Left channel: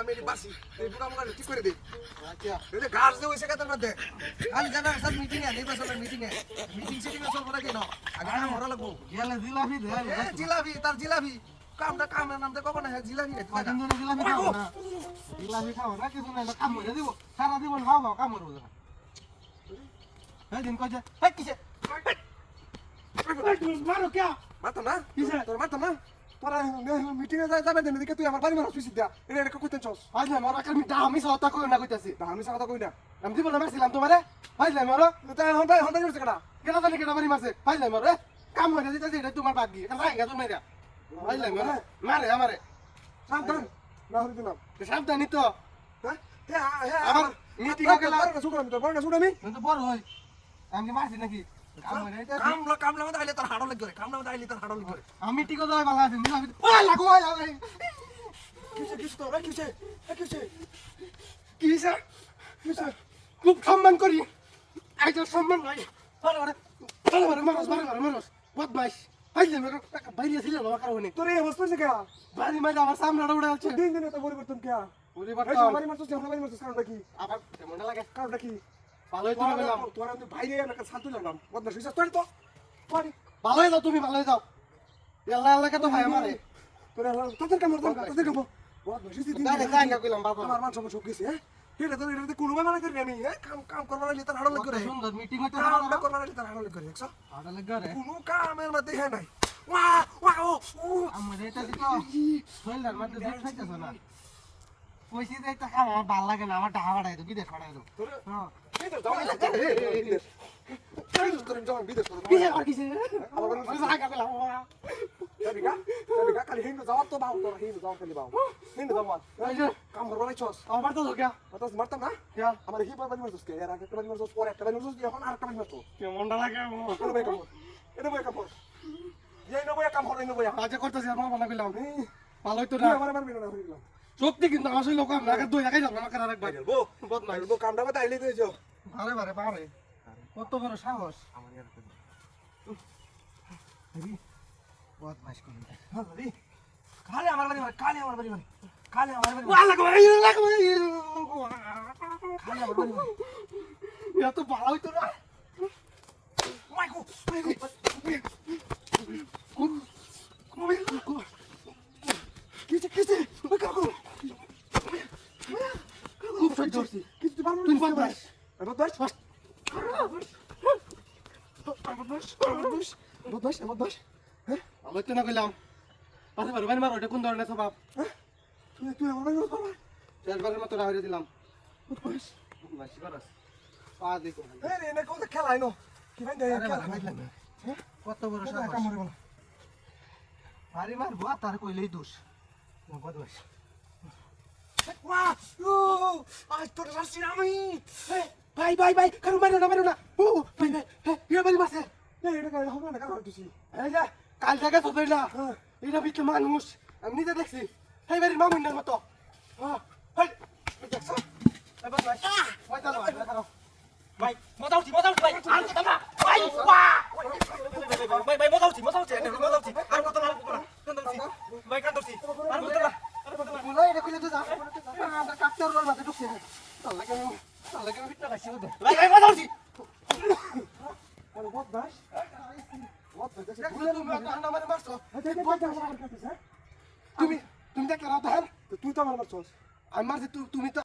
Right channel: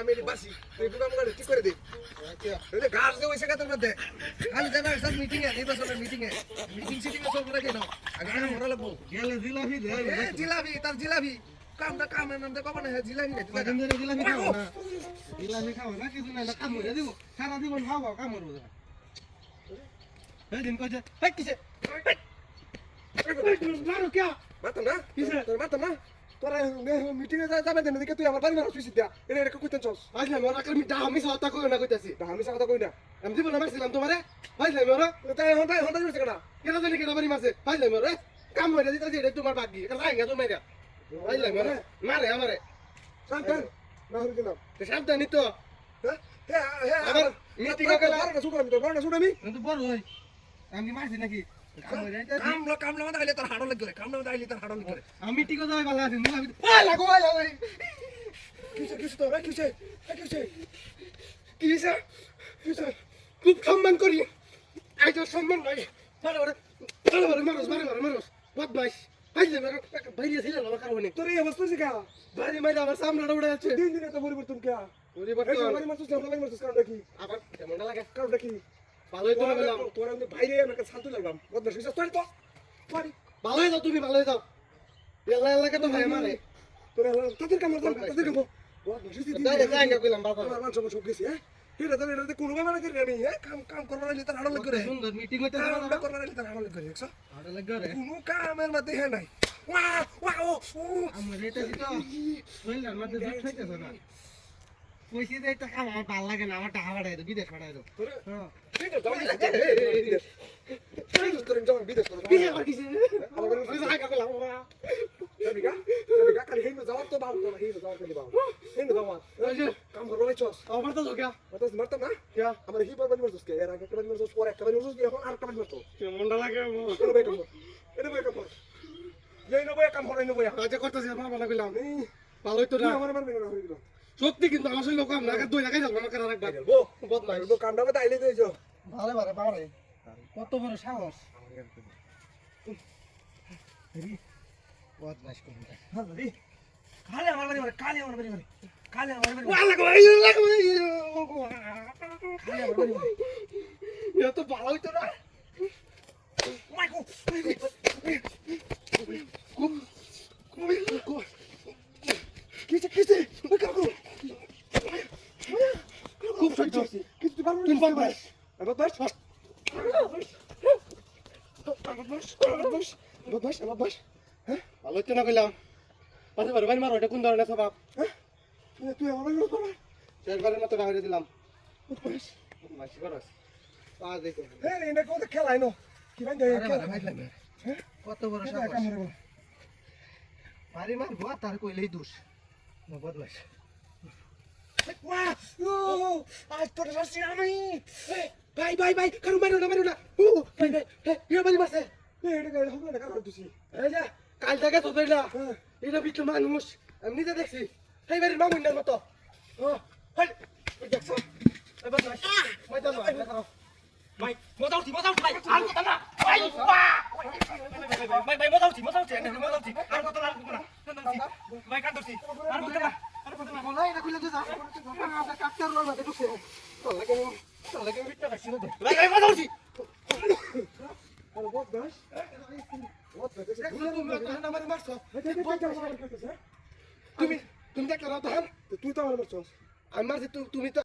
আমি বাসি ঠিক করে দিই ঘাস যে হয়েছে কাতার মধ্যে খালি জানা সব মিটিং এ নির্বাচনের মিটিং এ মিটিং সিটিং এ চলবো নাকি না আগে কাম করা লাগবো জিলাপি জিলাপি তার জিলাপি কামটা কামের নাম দেখো না জিলাপি জিলাপি খাও না জিলাপি খাও না কিছু নাই কাম করে দিব সারা জীবন খাও কাম করবো না দিন কইছে কিছে মারো কে মাতাম না তোর মাতাম না তোরা মিটিং এ যাবে দেন দিকে তুই আমার বাড়ি মারা সুইস দিয়া এটা কইতেন চস আজ না মোরা কাল মিটা আমি সাথে কই না কইতাছি আমি সাথে কই না আমি জীবন মারছিলাম তোমারে ভাইলে মোরা তাই হন্ডা হন্ডা জুড়ছে কেডা কেন জানি কেন বাড়ি মারছে ভাইলে মোরে কাম হইরা দিতাছি এটা তোমার বাকি রাইগা তুমি মাইরা ভাইলে মোরে মারে আমারে সাবধান না হরি দিলাম সাবধানি তো হ্যাঁ আবার মিটিং এ গেলা শুনো আমি তো শুনো আমি কিন্তু বড় হই আমি কি মারছি নাকি কামলা মধ্যে আইলে তার হাড় লাগ করে কামলা মধ্যে আইলে তার হাড় লাগ করে আমি টিকো যাই ভালো আছি নিলাম ওই লাগো ওই কিছে তো কিছে কিছে খুব সম্মান করি আজ সম্মান নাই ভালো মানুষ বদমাইশ আইলে মেরো বাইরে ছিল না কারণে তোর এই অবস্থা আছে কা বাড়ি মাইরা আবার সামনে উড়ে যাচ্ছে দিন দিন এত পরিবর্তন কে পরিবর্তন বাড়ি মারছিস বাড়ি মারছিস কারণটা কি আবার কেমনটা লাগে কারণটা কি ভালোই তো গেলাম তোর আমি বাইরে একটা শান্ত লাগলাম বদমাশ হইছিস তুই তো পারি ভালোই যাও তুমি ভালোই যাও আল্লাহ আল্লাহ কে তো ভাই আমারে তোর তোদের কাম তোদের কাম বদমাশ হইছিস তাই দেখাই না কইলাম বাবা আমার মান সব গেছে হ্যাঁ এটা তো এটা কোনো ভাবে লাগে আমি হ্যাঁ কাম করবার লাগলে তার হাড় লাগ করে সুন্দর মিটিং হইতে কাম করবার লাগলে তার হাড় লাগ করে দেখছ হাড় লাগে রে কোনো কামের মধ্যে হ্যাঁ নাই ওয়া ওয়া ও আমার এটা কি তো বললাম মধ্যে দুধ খাইতেছ না কইছি যে এটা খাওয়া আমার ভালো লাগে না আমার টাকা বাড়াই দাও বিদেশ বাড়াই দাও হ্যাঁ বিদেশ যাও তোর যাও বিদেশ বিদেশ আর কিছু আমার বলে আমি আগা কইলাম Sabiga? Kali hindi jawab to bawo to hindi jawab kali bawo. Hindi jawab. Kam করব না চস। আমার তো দরকার বাতাস মারতাম না? क्या আমার হিবার বাড়ি মারছস কে? এর আগে একটা বাড়ি মারছস পরে একটা বাড়ি মারছস এখন আরেকটা বাড়ি মারছস। কেমনটা লাগে এটা বই কাম। এটা বই কাম। এই নবই কাম হলো নবই। আজ করতেছি আমার ভালো কইলাম ভালোই তো তুই না আমার মারবি না হইলো। সত্যি কিন্তু আমার সঙ্গে কাম না দুই লাগাই যাবো আমাকে আরেকবার বো বহুত মাইল বো কামটা বাতা আইলে দিয়েছো। বারে বারে বারে কত বড় সাহস আমার গান কই। হেরি বহুত মাইস করি হ্যাঁ রে। কালে আমার বাড়ি মারে কালে আমার বাড়ি মারে। কালে আমার বাড়ি মারে। লাগো লাগো কালে আমার বাড়ি মারে। এত ভালো হইতো না মাইকো। কিছে ওই কাম করো। খুব সহ্য কিছু পারবো তুমি বদমাস বদমাস বদমাস হ্যাঁ ভালো হইতো না কইলাম পাশে বারে বারে মারো এটা কোন ধরনের স্বভাব তুই আমার বাড়ি মারবি শেষবারের মতো ডাহরে দিলাম বদমাস মাসি করস পা দেখো এই এনে কত খেলাই নো কি ভাই দেখ কত বড় সাহস আরে মার বুয়া তার কইলেই দোষ ও বদমাস ওয়া ও আজ তোর সাথে আমি ভাই কারু মারো না ও ভাই এ বাড়ি মারছে এটা গাড়ি হবে না কারণ তুই এই যে কাল থেকে সবাইলা এটা ভিতরে মানুষ আমি নিজে দেখছি এই বাড়ির মামুন্ডার মতো হাই দেখছো এই বদমাস মজা না ভাই মজাউছি ভাই আর কথা না ভাই ভাই মজাউছি আর কথা না কান্দছি ভাই কান্দছি আর কথা না বলাই এটা কইলে তো যা আমরা কাটতার না মাঝে ঢুকছে চল লাগে ভিতরে কাছে দে ভাই মজাউছি বদমাস আমার মারছো তুমি দেখতে রাও তো তুই তো আমার মারছস আমি মারছি তুমি তো